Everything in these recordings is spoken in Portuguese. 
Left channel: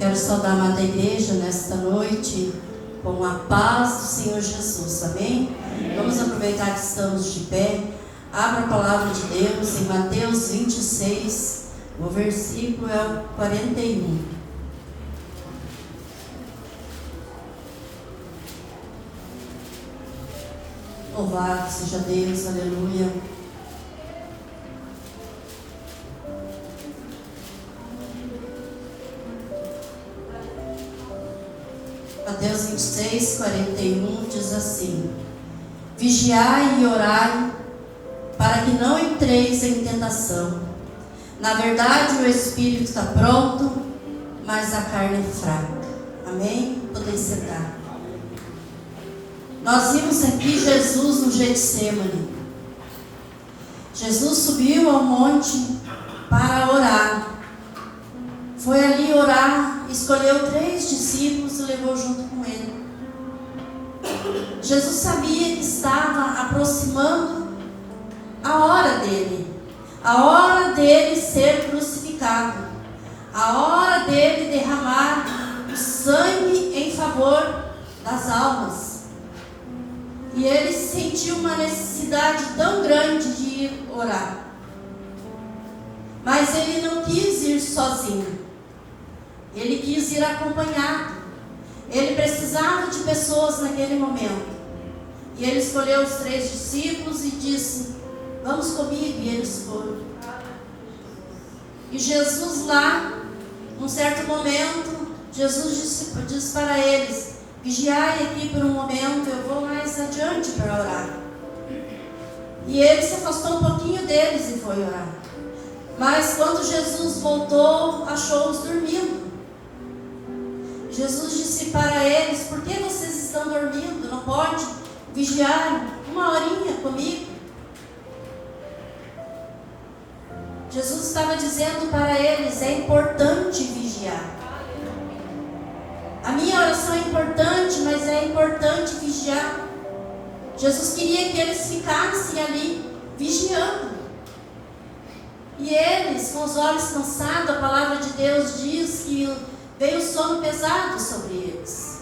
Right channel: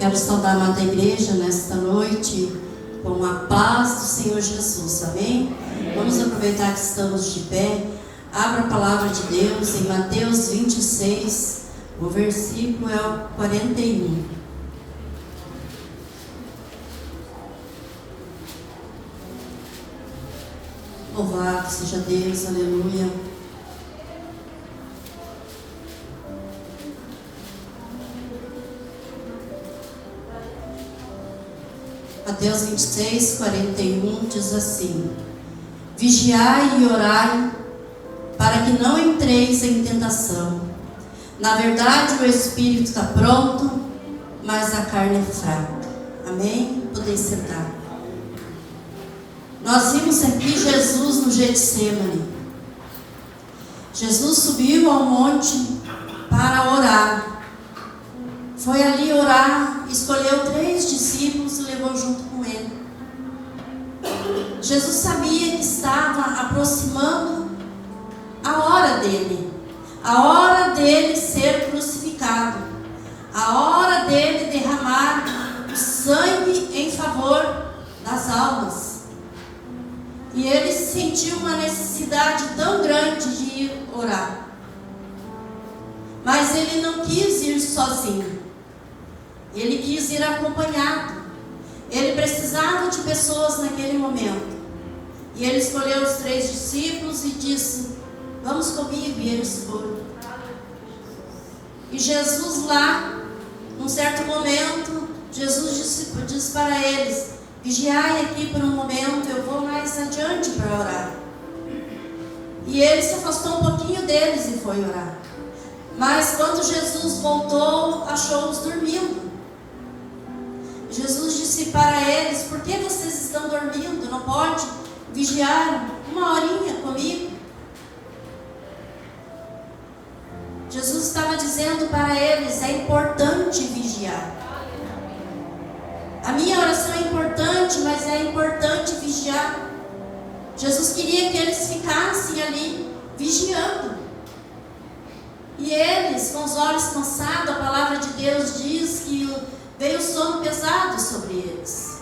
Quero saudar a amada igreja nesta noite com a paz do Senhor Jesus, amém? Vamos aproveitar que estamos de pé. Abra a palavra de Deus em Mateus 26, o versículo é o 41. Louvado seja Deus, aleluia. Mateus 26, 41 diz assim: Vigiai e orai, para que não entreis em tentação. Na verdade, o espírito está pronto, mas a carne é fraca. Amém? Podem sentar. Nós vimos aqui Jesus no Getsemane. Jesus subiu ao monte para orar. Foi ali orar, escolheu 3 discípulos e levou junto com ele. Jesus sabia que estava aproximando a hora dele. A hora dele ser crucificado. A hora dele derramar o sangue em favor das almas. E ele sentiu uma necessidade tão grande de ir orar. Mas ele não quis ir sozinho. Ele quis ir acompanhado. Ele precisava de pessoas naquele momento. E ele escolheu os 3 discípulos e disse: vamos comigo. E eles foram. E Jesus lá, num certo momento, Jesus disse para eles: vigiai aqui por um momento, eu vou mais adiante para orar. E ele se afastou um pouquinho deles e foi orar. Mas quando Jesus voltou, achou-os dormindo. Jesus disse para eles: por que vocês estão dormindo? Não pode vigiar uma horinha comigo? Jesus estava dizendo para eles: é importante vigiar. A minha oração é importante, mas é importante vigiar. Jesus queria que eles ficassem ali vigiando. E eles, com os olhos cansados, a palavra de Deus diz que veio sono pesado sobre eles.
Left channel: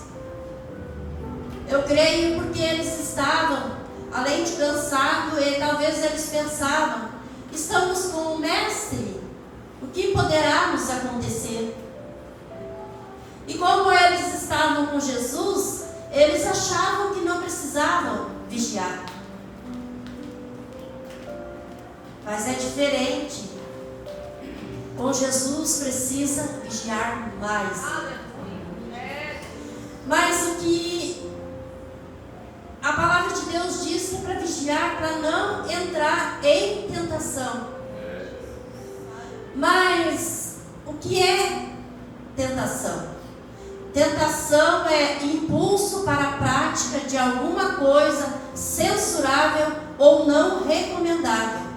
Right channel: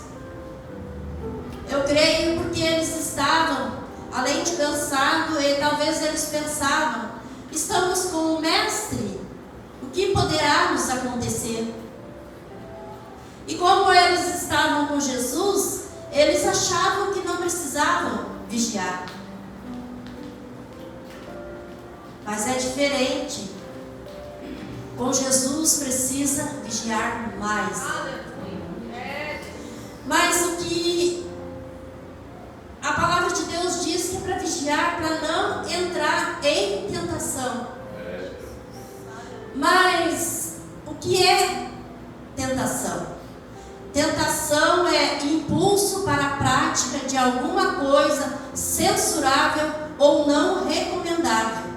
Eu creio porque eles estavam, além de cansados, e talvez eles pensavam: estamos com o Mestre, o que poderá nos acontecer? E como eles estavam com Jesus, eles achavam que não precisavam vigiar. Mas é diferente. Com Jesus precisa vigiar mais. Mas o que a palavra de Deus diz que é para vigiar, para não entrar em tentação. Mas o que é tentação? Tentação é impulso para a prática de alguma coisa censurável ou não recomendável.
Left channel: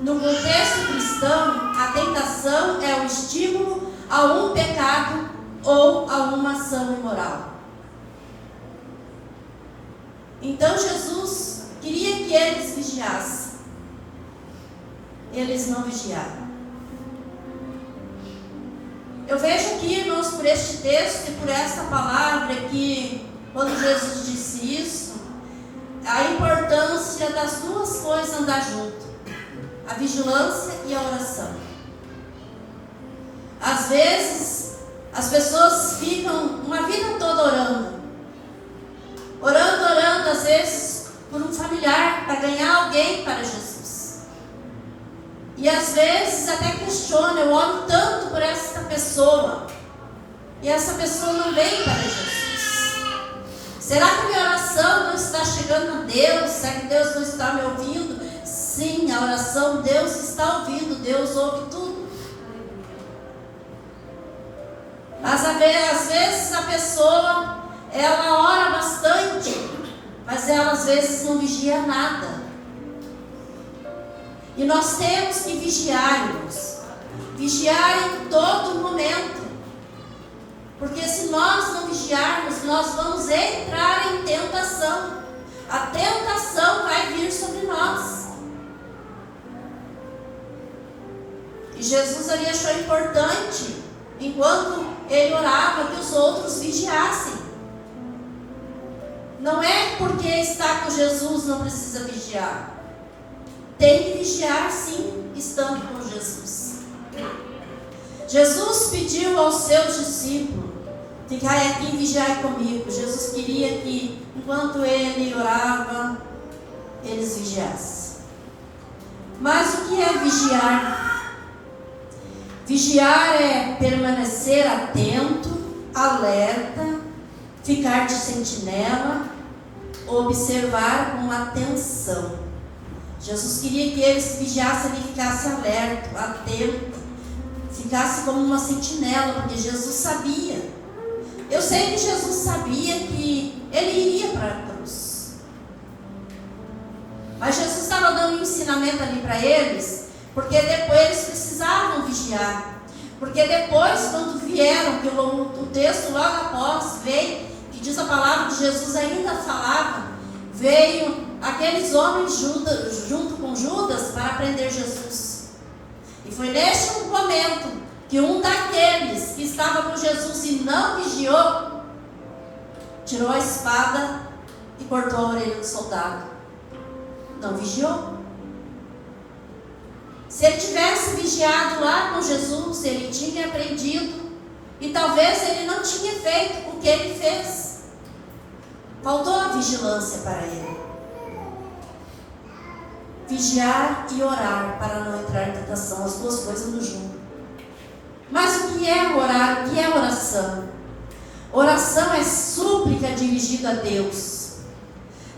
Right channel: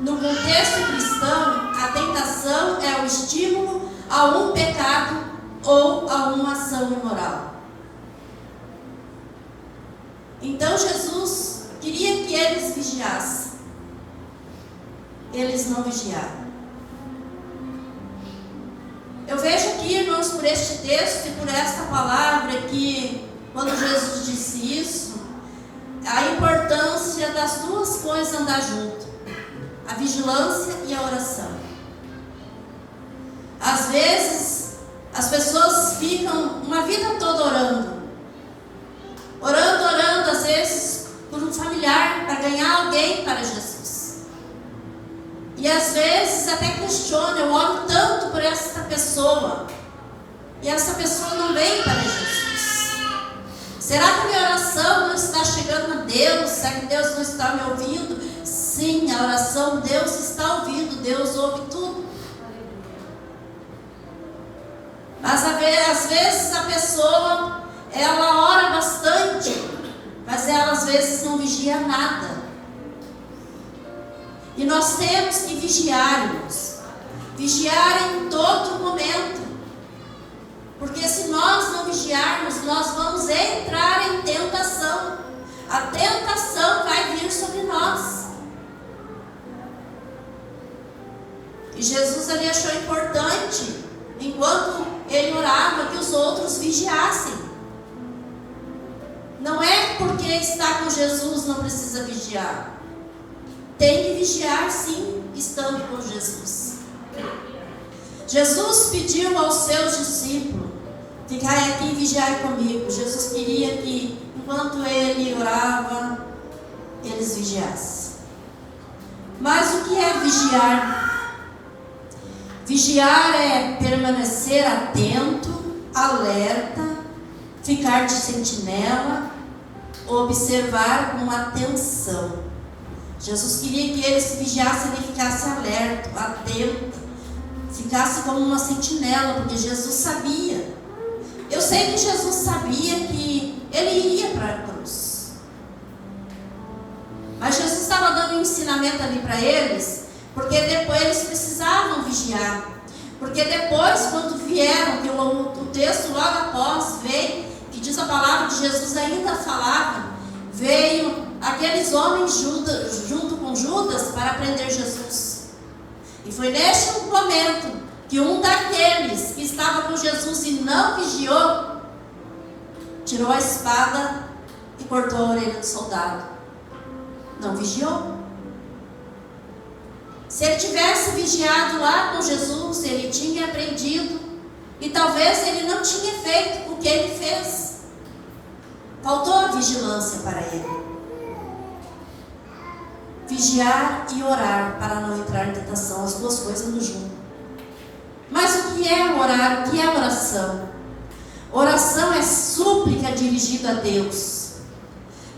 No contexto cristão, a tentação é o estímulo a um pecado ou a uma ação imoral. Então Jesus queria que eles vigiassem. Eles não vigiaram. Eu vejo aqui, irmãos, por este texto e por esta palavra que, quando Jesus disse isso, a importância das 2 coisas andar junto: a vigilância e a oração. Às vezes, as pessoas ficam uma vida toda orando, às vezes por um familiar, para ganhar alguém para Jesus. E às vezes até questiona: eu oro tanto por esta pessoa, e essa pessoa não vem para Jesus. Será que a minha oração não está chegando a Deus? Será que Deus não está me ouvindo? Sim, a oração Deus está ouvindo, Deus ouve tudo. Mas às vezes a pessoa, ela ora bastante, mas ela às vezes não vigia nada. E nós temos que vigiar, irmãos. Vigiar em todo momento. Porque se nós não vigiarmos, nós vamos entrar em tentação. A tentação vai vir sobre nós. E Jesus ali achou importante, enquanto ele orava que os outros vigiassem. Não é porque está com Jesus não precisa vigiar. Tem que vigiar sim, estando com Jesus. Jesus pediu aos seus discípulos: ficai aqui e vigiai comigo. Jesus queria que, enquanto ele orava, eles vigiassem. Mas o que é vigiar? Vigiar é permanecer atento, alerta, ficar de sentinela, observar com atenção. Jesus queria que eles vigiassem e ficassem alerta, atento, ficasse como uma sentinela, porque Jesus sabia. Eu sei que Jesus sabia que ele iria para a cruz. Mas Jesus estava dando um ensinamento ali para eles, porque depois eles precisavam vigiar. Porque depois, quando vieram, que o texto logo após veio, que diz a palavra de Jesus ainda falava, veio aqueles homens junto com Judas para prender Jesus. E foi neste momento que um daqueles que estava com Jesus e não vigiou, tirou a espada e cortou a orelha do soldado. Não vigiou. Se ele tivesse vigiado lá com Jesus, ele tinha aprendido, e talvez ele não tinha feito o que ele fez. Faltou a vigilância para ele. Vigiar e orar para não entrar em tentação, as duas coisas no junto. Mas o que é orar? O que é oração? Oração é súplica dirigida a Deus.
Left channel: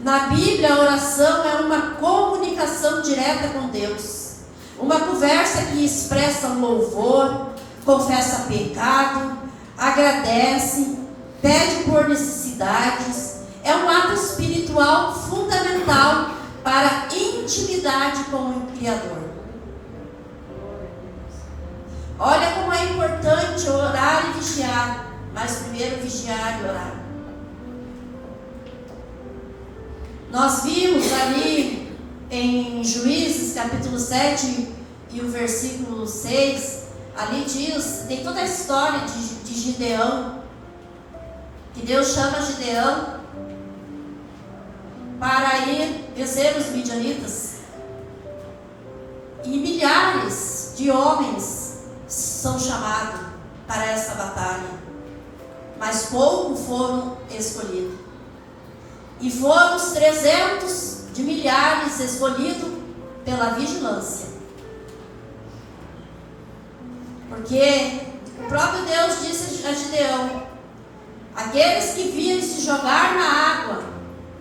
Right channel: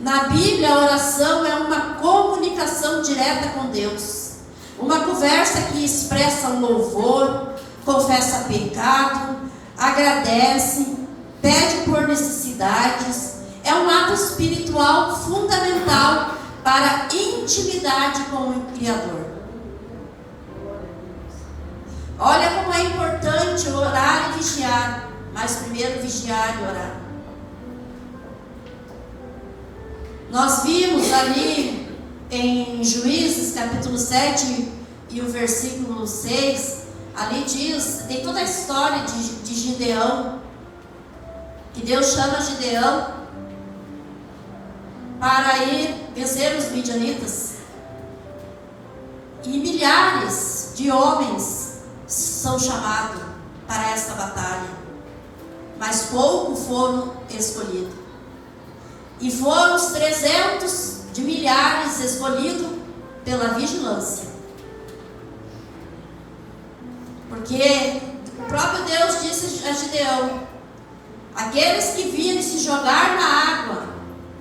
Na Bíblia, a oração é uma comunicação direta com Deus. Uma conversa que expressa louvor, confessa pecado, agradece, pede por necessidades. É um ato espiritual fundamental para a intimidade com o Criador. Olha como é importante orar e vigiar. Mas primeiro vigiar e orar. Nós vimos ali em Juízes capítulo 7 e o versículo 6, ali diz, tem toda a história de Gideão, que Deus chama Gideão para ir vencer os midianitas. E milhares de homens são chamados para essa batalha, mas poucos foram escolhidos. E foram os 300 de milhares escolhidos pela vigilância. Porque o próprio Deus disse a Gideão: aqueles que virem se jogar na água,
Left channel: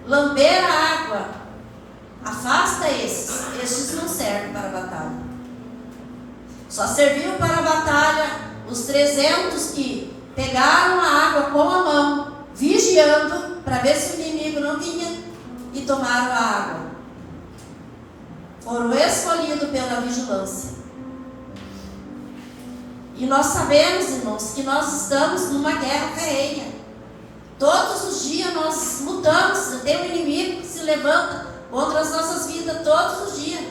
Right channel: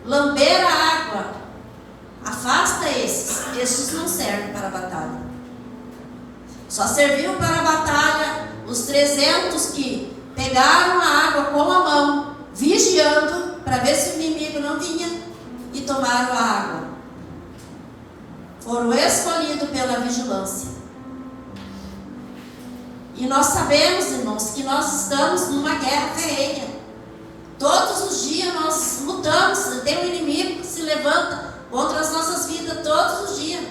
lamber a água, afasta esses não servem para a batalha. Só serviu para a batalha os 300 que pegaram a água com a mão, vigiando para ver se o inimigo não vinha, e tomaram a água. Foram escolhidos pela vigilância. E nós sabemos, irmãos, que nós estamos numa guerra ferrenha. Todos os dias nós lutamos, tem um inimigo que se levanta contra as nossas vidas todos os dias.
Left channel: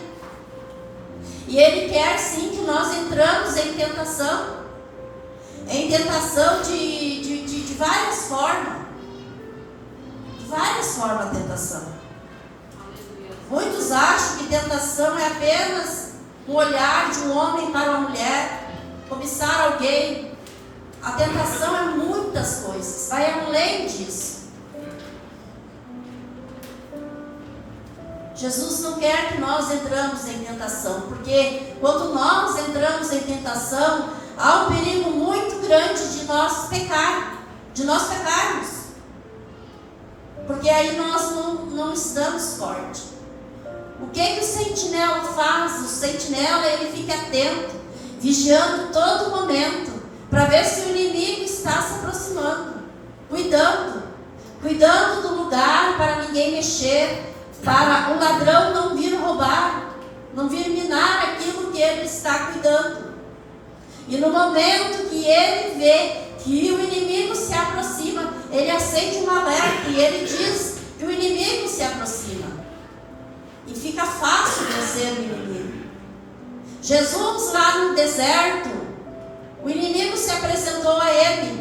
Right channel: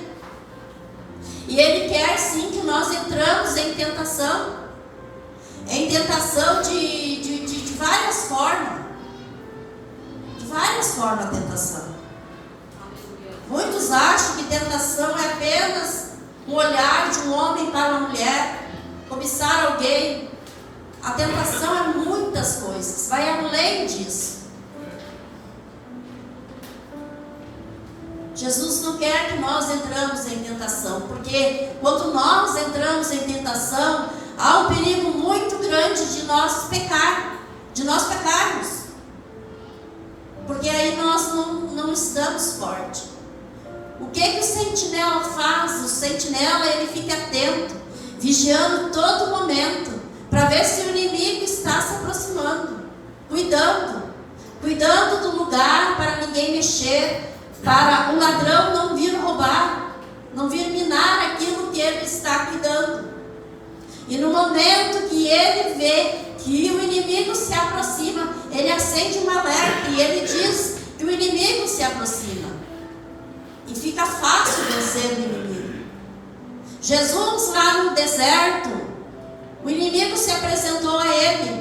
E ele quer sim que nós entramos em tentação. Em tentação de várias formas. De várias formas a tentação. Muitos acham que tentação é apenas um olhar de um homem para uma mulher, cobiçar alguém. A tentação é muitas coisas, vai além disso. Jesus não quer que nós entramos em tentação, porque quando nós entramos em tentação, há um perigo muito grande de nós pecarmos. Porque aí nós não estamos fortes. O que o sentinela faz? O sentinela, ele fica atento, vigiando todo momento, para ver se o inimigo está se aproximando, cuidando do lugar para ninguém mexer, para o ladrão não vir roubar, não vir minar aquilo que ele está cuidando. E no momento que ele vê que o inimigo se aproxima, ele acende um alerta e ele diz que o inimigo se aproxima. E fica fácil vencer o inimigo. Jesus lá no deserto, o inimigo se apresentou a ele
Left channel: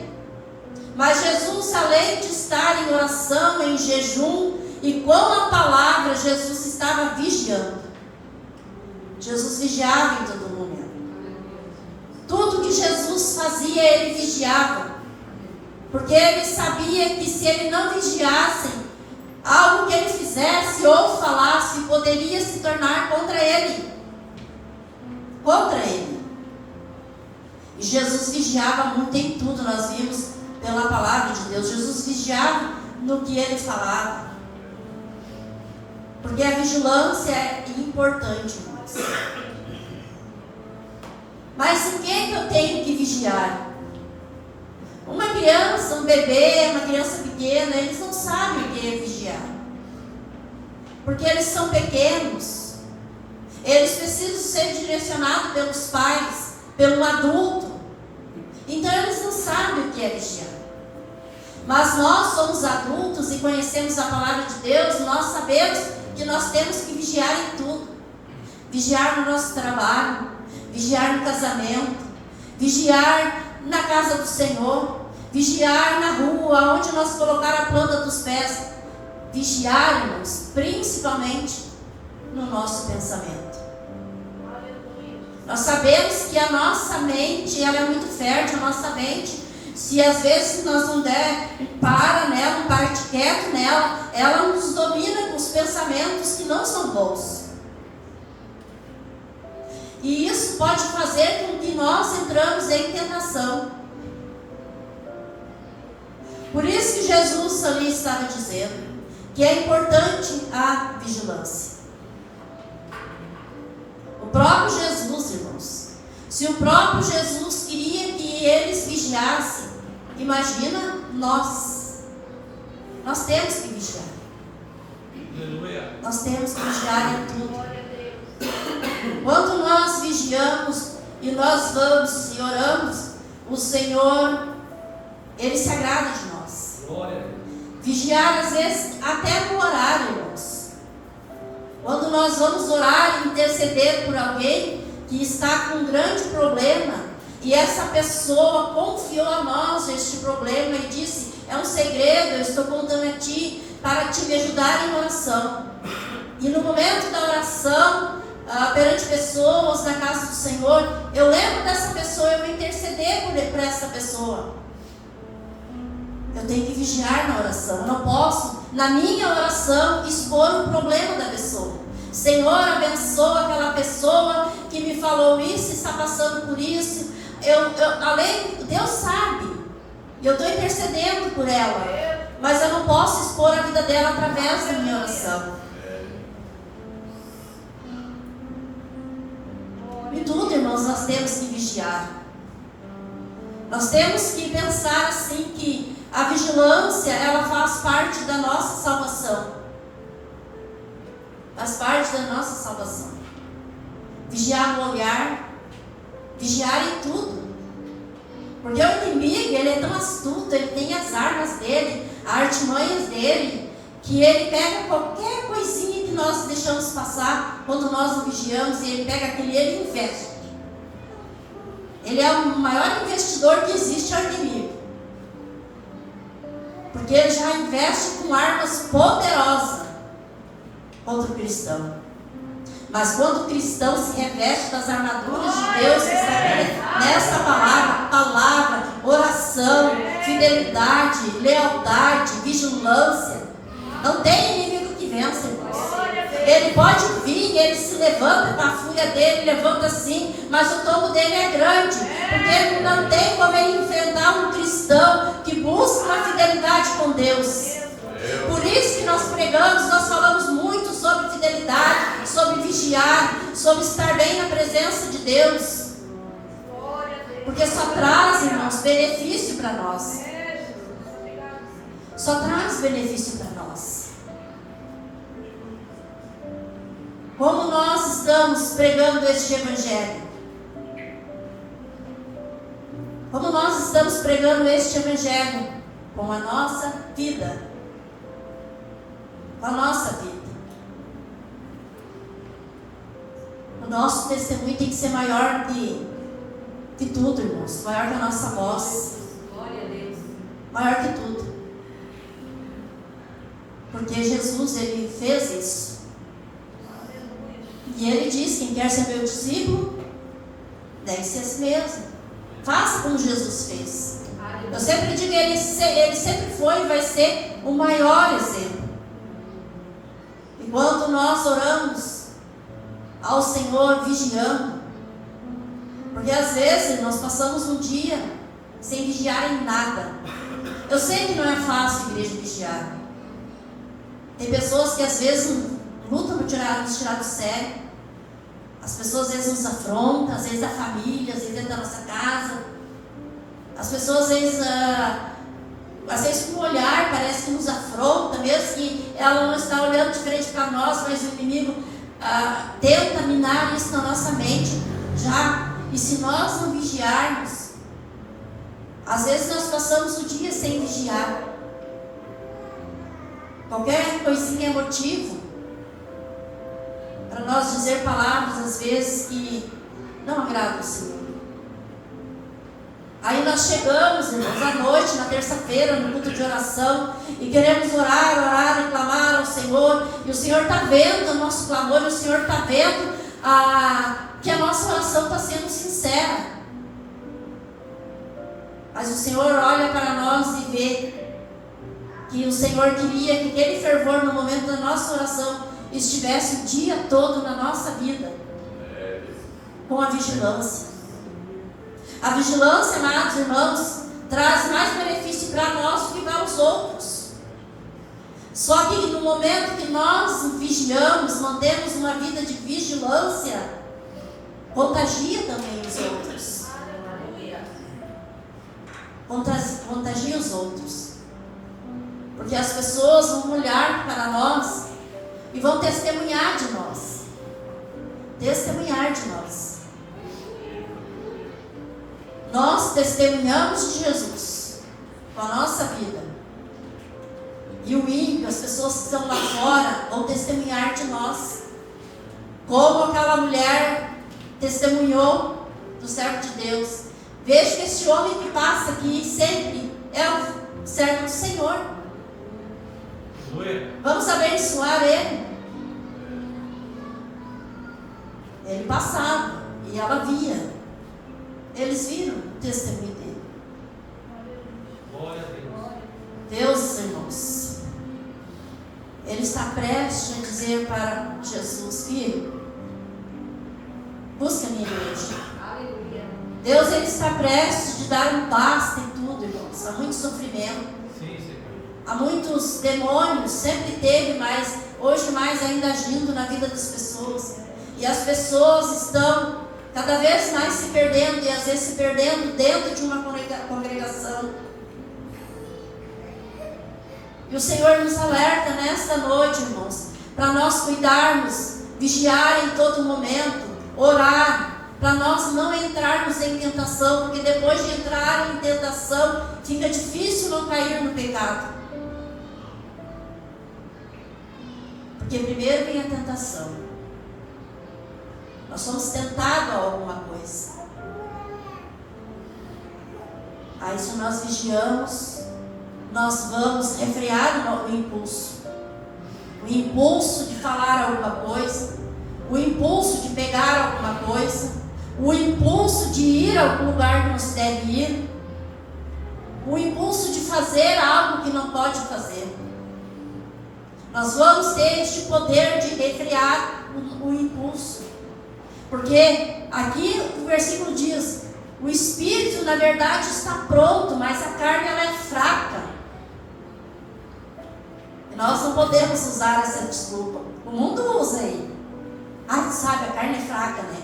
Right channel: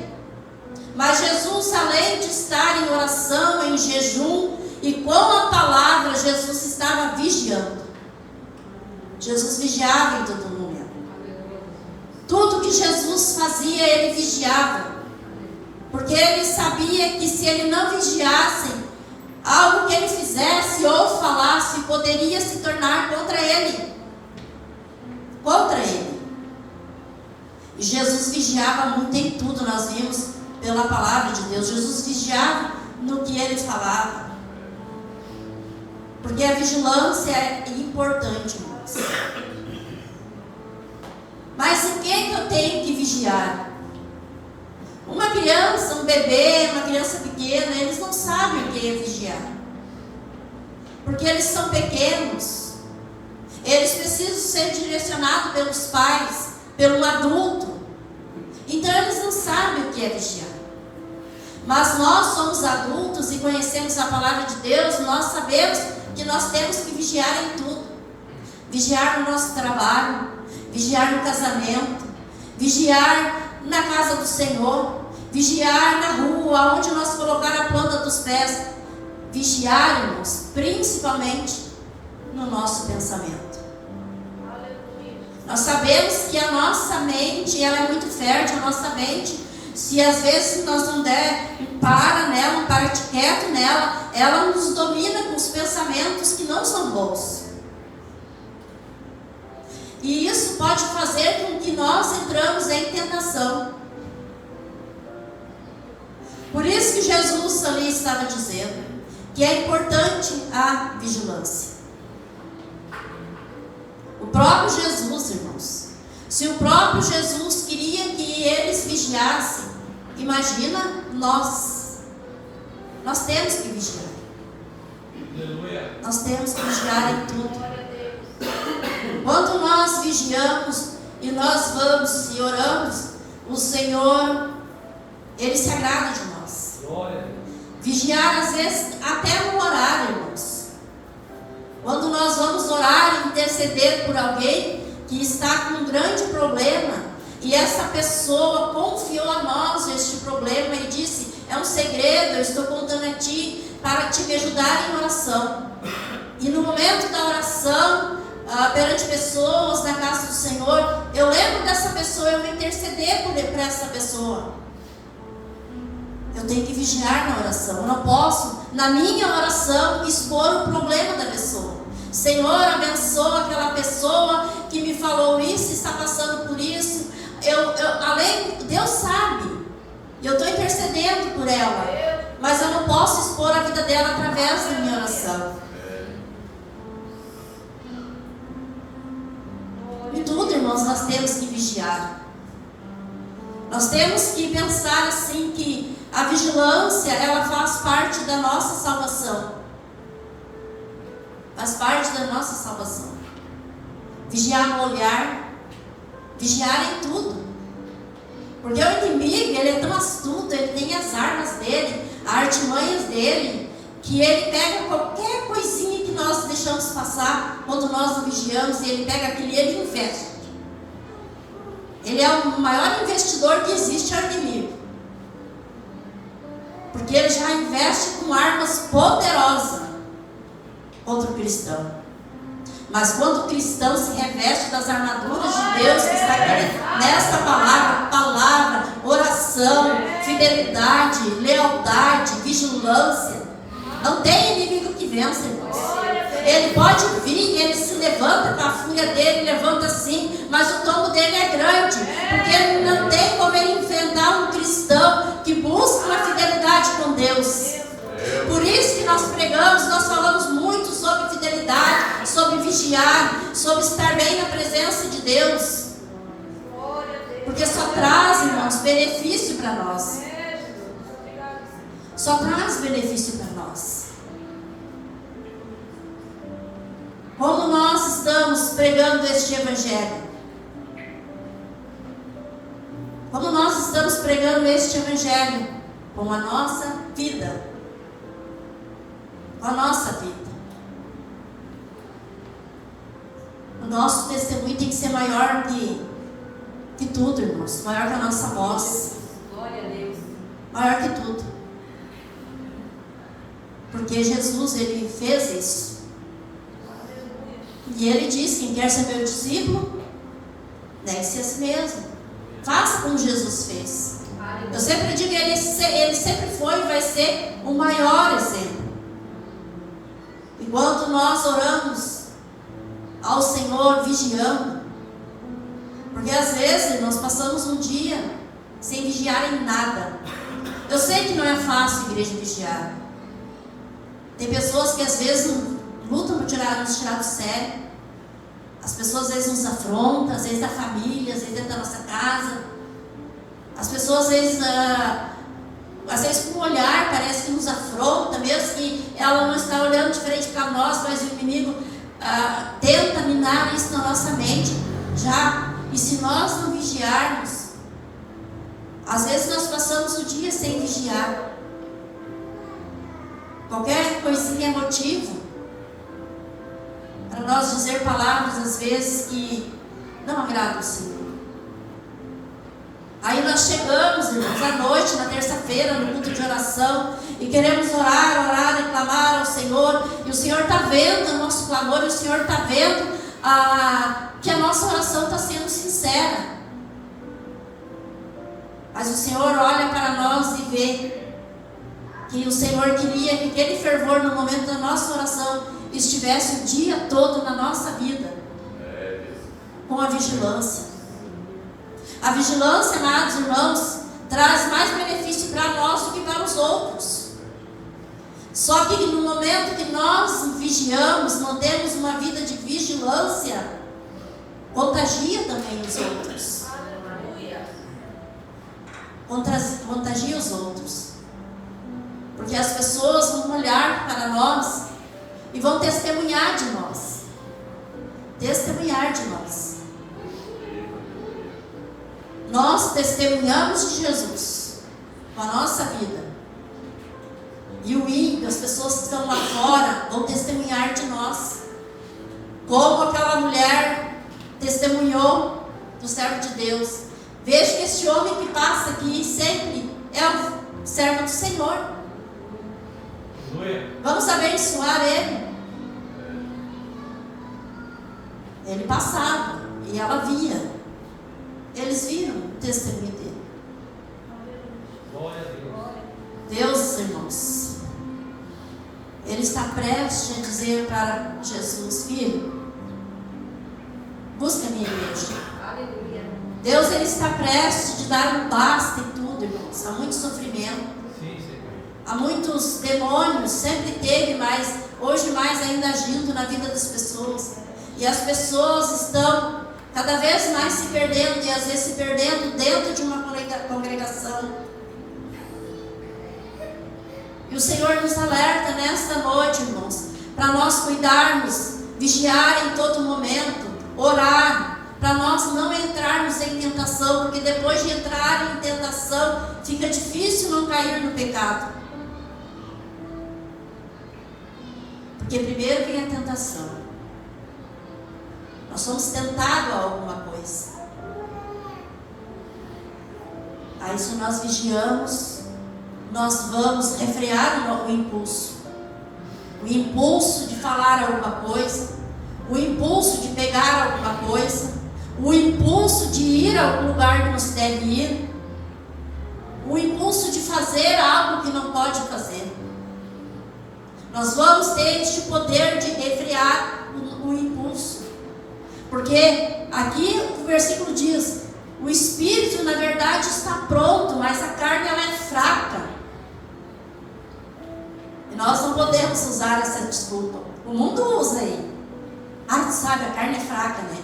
Jesus, além de estar em oração, em jejum e com a palavra, Jesus estava vigiando. Jesus vigiava em todo momento. Tudo que Jesus fazia, ele vigiava. Porque ele sabia que se ele não vigiasse, algo que ele fizesse ou falasse poderia se tornar contra ele. Contra ele. E Jesus vigiava muito em tudo, nós vimos pela palavra de Deus. Jesus vigiava no que ele falava. Porque a vigilância é importante, irmãos. Mas em que eu tenho que vigiar? Uma criança, um bebê, uma criança pequena, eles não sabem o que é vigiar. Porque eles são pequenos. Eles precisam ser direcionados pelos pais, pelo adulto. Então eles não sabem o que é vigiar. Mas nós somos adultos e conhecemos a palavra de Deus, nós sabemos que nós temos que vigiar em tudo. Vigiar no nosso trabalho, vigiar no casamento, vigiar na casa do Senhor, vigiar na rua, onde nós colocar a planta dos pés. Vigiarmos principalmente no nosso pensamento. Nós sabemos que a nossa mente, ela é muito fértil, a nossa mente, se às vezes nós não der para nela, um parte quieto nela, ela nos domina com os pensamentos que não são bons. E isso pode fazer com que nós entramos em tentação. Por isso que Jesus ali estava dizendo que é importante a vigilância. O próprio Jesus, irmãos, se o próprio Jesus queria que eles vigiassem, imagina nós. Nós temos que vigiar. Nós temos que vigiar em tudo. Quando nós vigiamos e nós vamos e oramos, o Senhor, Ele se agrada de nós. Vigiar, às vezes, até no horário, irmãos. Quando nós vamos orar e interceder por alguém que está com um grande problema, e essa pessoa confiou a nós este problema e disse: é um segredo, eu estou contando a ti para te me ajudar em oração. E no momento da oração, perante pessoas na casa do Senhor, eu lembro dessa pessoa, eu vou interceder por essa pessoa. Eu tenho que vigiar na oração. Eu não posso, na minha oração, expor o problema da pessoa. Senhor, abençoa aquela pessoa que me falou isso, está passando por isso. Deus sabe. E eu estou intercedendo por ela. Mas eu não posso expor a vida dela através da minha oração. Em tudo, irmãos, nós temos que vigiar. Nós temos que pensar assim que a vigilância, ela faz parte da nossa salvação. Faz parte da nossa salvação. Vigiar no olhar, vigiar em tudo. Porque o inimigo, ele é tão astuto, ele tem as armas dele, as artimanhas dele, que ele pega qualquer coisinha que nós deixamos passar quando nós o vigiamos, e ele pega aquele e ele investe. Ele é o maior investidor que existe, é o inimigo. Porque ele já investe com armas poderosas contra o cristão. Mas quando o cristão se reveste das armaduras de Deus, que está aqui nesta palavra, oração, fidelidade, lealdade, vigilância, não tem inimigo que vença, irmãos. Ele pode vir, ele se levanta com a fúria dele, levanta assim, mas o tombo dele é grande, porque ele não tem como ele enfrentar um cristão que busca uma fidelidade com Deus. Por isso que nós pregamos, nós falamos muito sobre fidelidade, sobre vigiar, sobre estar bem na presença de Deus. Porque só traz, irmãos, benefício para nós. Só traz benefício para nós. Como nós estamos pregando este evangelho? Como nós estamos pregando este evangelho? Com a nossa vida. Com a nossa vida. O nosso testemunho tem que ser maior que tudo, irmãos. Maior que a nossa voz. Glória a Deus. Maior que tudo. Porque Jesus, ele fez isso. E ele disse: quem quer ser meu discípulo, negue-se a si mesmo. Faça como Jesus fez. Eu sempre digo, ele sempre foi e vai ser o maior exemplo. Enquanto nós oramos ao Senhor vigiando, porque às vezes nós passamos um dia sem vigiar em nada. Eu sei que não é fácil, igreja, vigiar. Tem pessoas que às vezes lutam nos tirar do sério. As pessoas às vezes nos afrontam, às vezes da família, às vezes dentro da nossa casa. As pessoas às vezes com o olhar parece que nos afronta, mesmo que ela não está olhando de frente para nós, mas o inimigo tenta minar isso na nossa mente já. E se nós não vigiarmos, às vezes nós passamos o dia sem vigiar. Qualquer coisinha é motivo para nós dizer palavras às vezes que não agradam o Senhor. Aí nós chegamos, irmãos, à noite, na terça-feira, no culto de oração, e queremos orar e clamar ao Senhor, e o Senhor está vendo o nosso clamor, e o Senhor está vendo que a nossa oração está sendo sincera. Mas o Senhor olha para nós e vê que o Senhor queria que aquele fervor no momento da nossa oração estivesse o dia todo na nossa vida, com a vigilância. A vigilância, amados irmãos, traz mais benefício para nós do que para os outros. Só que no momento que nós vigiamos, mantemos uma vida de vigilância, contagia também os outros. Contagia os outros. Porque as pessoas vão olhar para nós e vão testemunhar de nós. Testemunhar de nós. Nós testemunhamos de Jesus com a nossa vida. E o ímpio, as pessoas que estão lá fora, vão testemunhar de nós. Como aquela mulher testemunhou do servo de Deus. Veja que este homem que passa aqui sempre é o servo do Senhor. Vamos abençoar ele. Ele passava e ela via. Eles viram o testemunho dele. Glória a Deus. Deus, irmãos, Ele está prestes a dizer para Jesus: filho, busca a minha igreja. Aleluia. Deus, Ele está prestes de dar um basta em tudo, irmãos. Há muito sofrimento. Sim, Senhor. Há muitos demônios, sempre teve, mas hoje mais ainda agindo na vida das pessoas. E as pessoas estão cada vez mais se perdendo, e às vezes se perdendo dentro de uma congregação. E o Senhor nos alerta nesta noite, irmãos, para nós cuidarmos, vigiar em todo momento, orar, para nós não entrarmos em tentação, porque depois de entrar em tentação, fica difícil não cair no pecado. Porque primeiro vem a tentação. Nós somos tentados a alguma coisa. Aí se nós vigiamos, nós vamos refrear o impulso. O impulso de falar alguma coisa, o impulso de pegar alguma coisa, o impulso de ir a algum lugar que não se deve ir, o impulso de fazer algo que não pode fazer. Nós vamos ter este poder de refrear o impulso. Porque aqui o versículo diz: o espírito na verdade está pronto, mas a carne ela é fraca. E nós não podemos usar essa desculpa. O mundo usa aí. Tu sabe, a carne é fraca, né?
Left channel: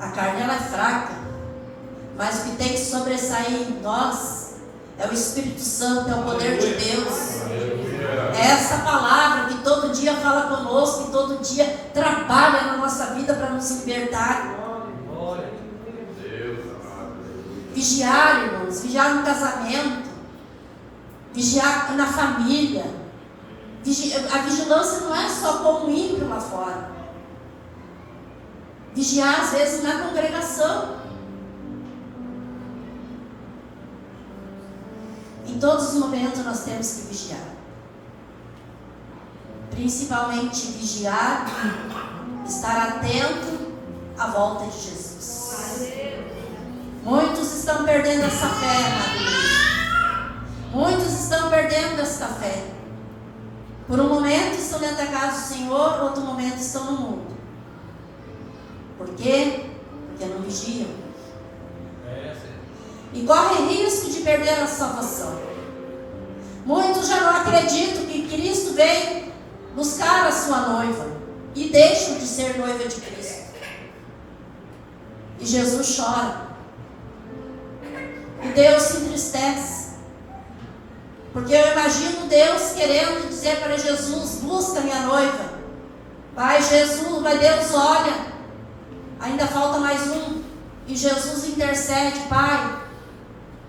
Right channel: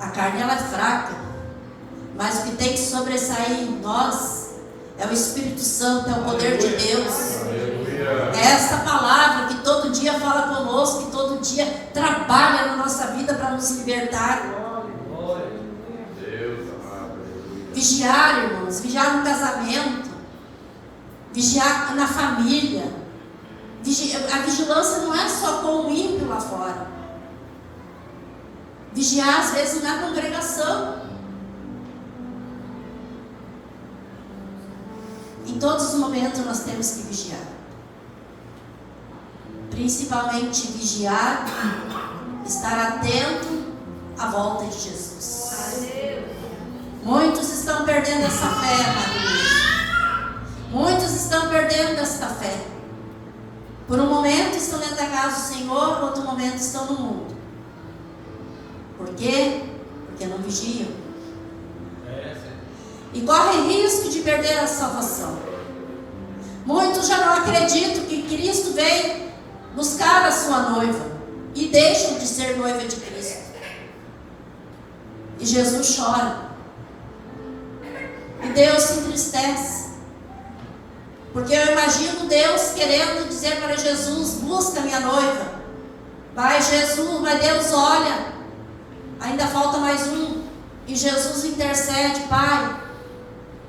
A carne ela é fraca. Mas o que tem que sobressair em nós é o Espírito Santo, é o poder de Deus. É essa palavra que todo dia fala conosco, que todo dia trabalha na nossa vida para nos libertar. Glória a Deus, amado. Vigiar, irmãos, vigiar no casamento, vigiar na família. A vigilância não é só com o ímpio lá fora. Vigiar às vezes na congregação. Em todos os momentos nós temos que vigiar. Principalmente vigiar, estar atento à volta de Jesus. Muitos estão perdendo essa fé, amado. Muitos estão perdendo essa fé. Por um momento estão dentro da casa do Senhor, outro momento estão no mundo. Por quê? Porque não vigiam. E correm risco de perder a salvação. Muitos já não acreditam que Cristo veio buscar a sua noiva e deixam de ser noiva de Cristo. E Jesus chora. E Deus se entristece. Porque eu imagino Deus querendo dizer para Jesus: busca minha noiva. Mas Deus olha, ainda falta mais um. E Jesus intercede: Pai,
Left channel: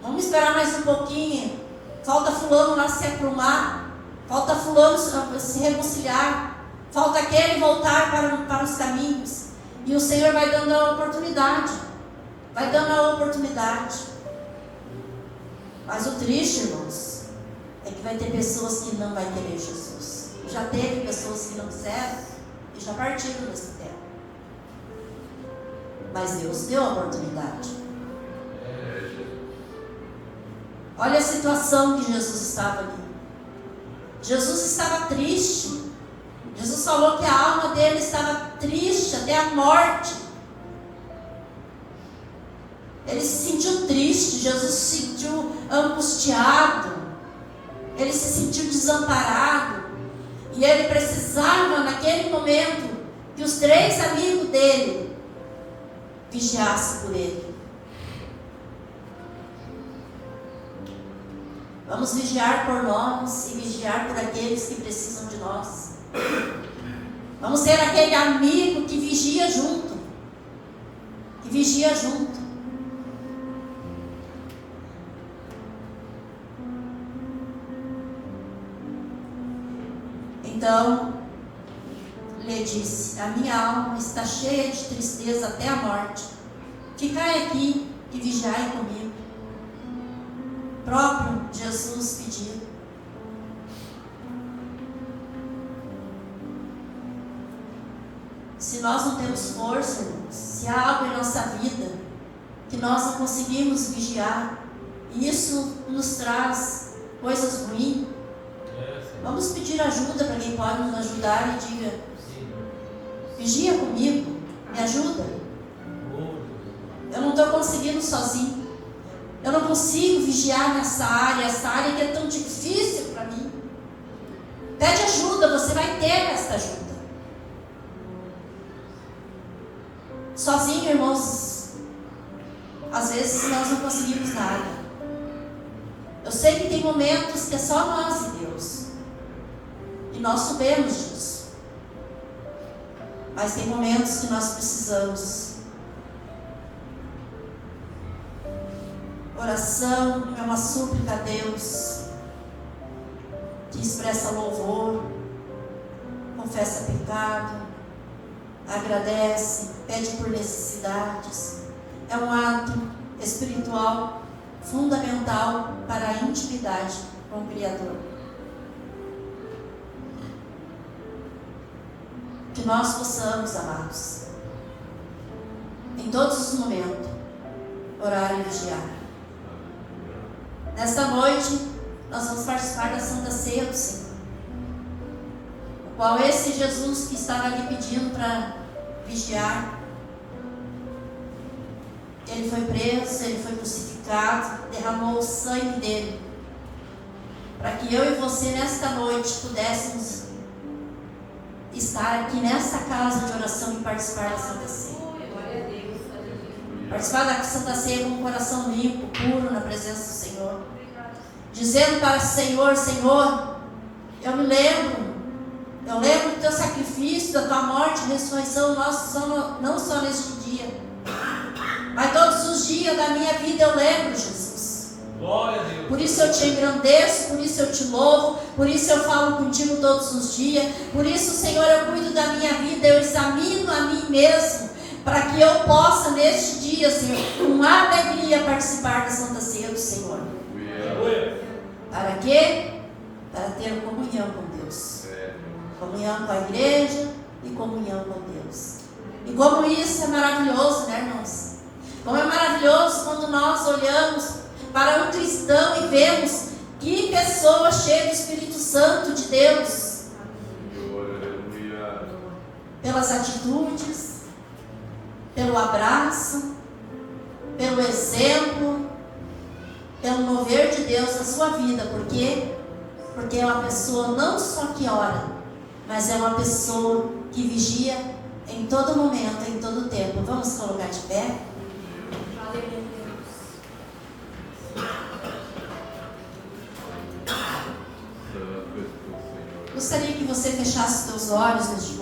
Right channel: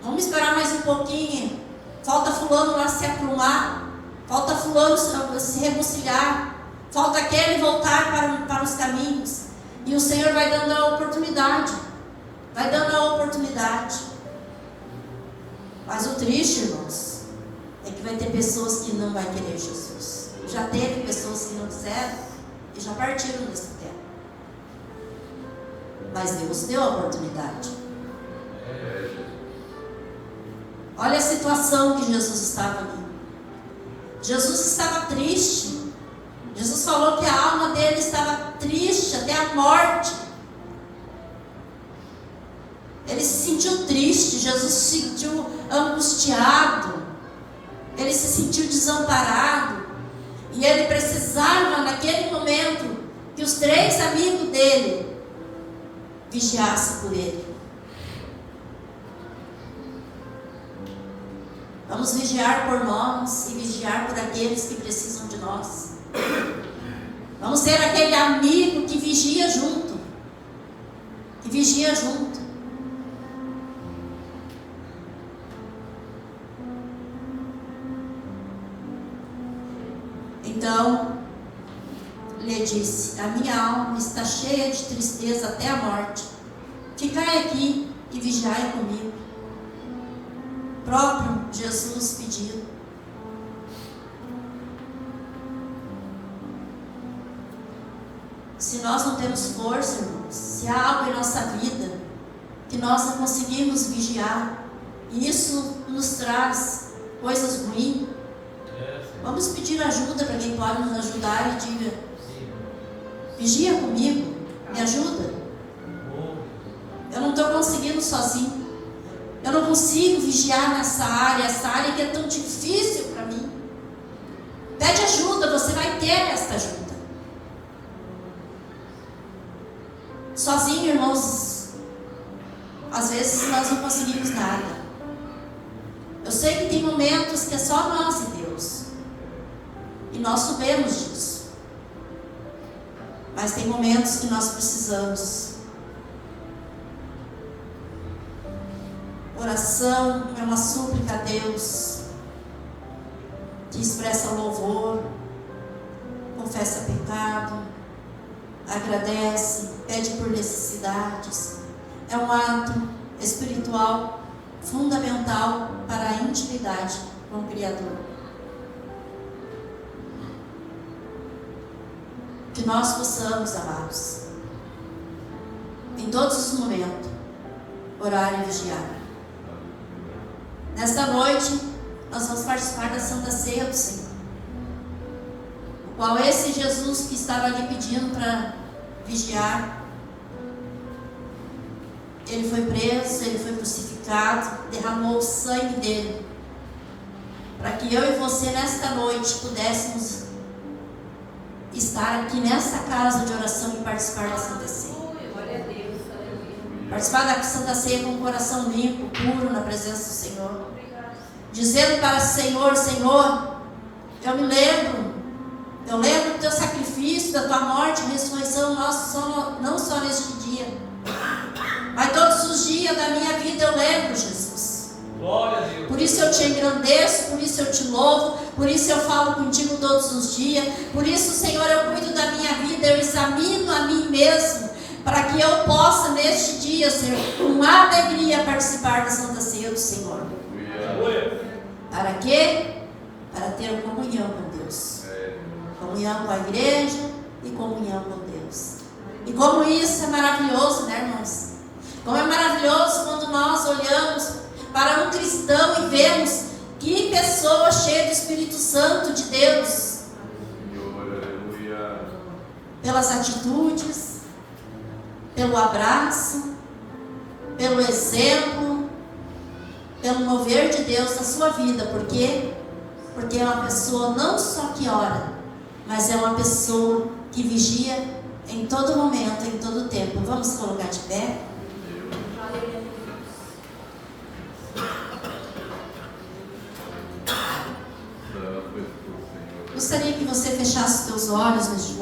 vamos esperar mais um pouquinho. Falta fulano lá se aprumar. Falta fulano se reconciliar. Falta aquele voltar para os caminhos. E o Senhor vai dando a oportunidade. Vai dando a oportunidade. Mas o triste, irmãos, é que vai ter pessoas que não vão querer Jesus. Já teve pessoas que não quiseram e já partiram dessa terra. Mas Deus deu a oportunidade. Olha a situação que Jesus estava ali. Jesus estava triste. Jesus falou que a alma dele estava triste até a morte. Ele se sentiu triste. Jesus se sentiu angustiado. Ele se sentiu desamparado. E ele precisava, naquele momento, que os 3 amigos dele vigiassem por ele. Vamos vigiar por nós e vigiar por aqueles que precisam de nós. Vamos ser aquele amigo que vigia junto. Que vigia junto. Então, lhe disse: a minha alma está cheia de tristeza até a morte. Ficai aqui e vigiai comigo. Próprio Jesus pediu. Se nós não temos força, irmãos, se há algo em nossa vida que nós não conseguimos vigiar, e isso nos traz coisas ruins, vamos pedir ajuda para quem pode nos ajudar e diga: vigia comigo, me ajuda. Eu não estou conseguindo sozinho. Eu não consigo vigiar essa área que é tão difícil para mim. Pede ajuda, você vai ter esta ajuda. Sozinho, irmãos, às vezes nós não conseguimos nada. Eu sei que tem momentos que é só nós e Deus. E nós sabemos disso. Mas tem momentos que nós precisamos. Oração é uma súplica a Deus, que expressa louvor, confessa pecado, agradece, pede por necessidades. É um ato espiritual fundamental para a intimidade com o Criador. Que nós possamos, amados, em todos os momentos, orar e vigiar. Nesta noite, nós vamos participar da Santa Ceia do Senhor, o qual esse Jesus que estava ali pedindo para vigiar, ele foi preso, ele foi crucificado, derramou o sangue dele, para que eu e você nesta noite pudéssemos estar aqui nesta casa de oração e participar da Santa Ceia. Participar da Santa Ceia com o coração limpo, puro, na presença do Senhor. Dizendo para o Senhor: Senhor, eu lembro do teu sacrifício, da tua morte e ressurreição, não só neste dia, mas todos os dias da minha vida eu lembro, Jesus. Glória a Deus. Por isso eu te engrandeço, por isso eu te louvo, por isso eu falo contigo todos os dias, por isso, Senhor, eu cuido da minha vida, eu examino a mim mesmo, para que eu possa neste dia, Senhor, com alegria participar da Santa Ceia do Senhor. quê? Para ter comunhão com Deus. Comunhão com a igreja e comunhão com Deus. E como isso é maravilhoso, né, irmãos? Como é maravilhoso quando nós olhamos para um cristão e vemos que pessoa cheia do Espírito Santo de Deus. Pelas atitudes, pelo abraço, pelo exemplo, pelo mover de Deus na sua vida. Por quê? Porque é uma pessoa não só que ora, mas é uma pessoa que vigia em todo momento, em todo tempo. Vamos colocar de pé? Gostaria que você fechasse seus olhos neste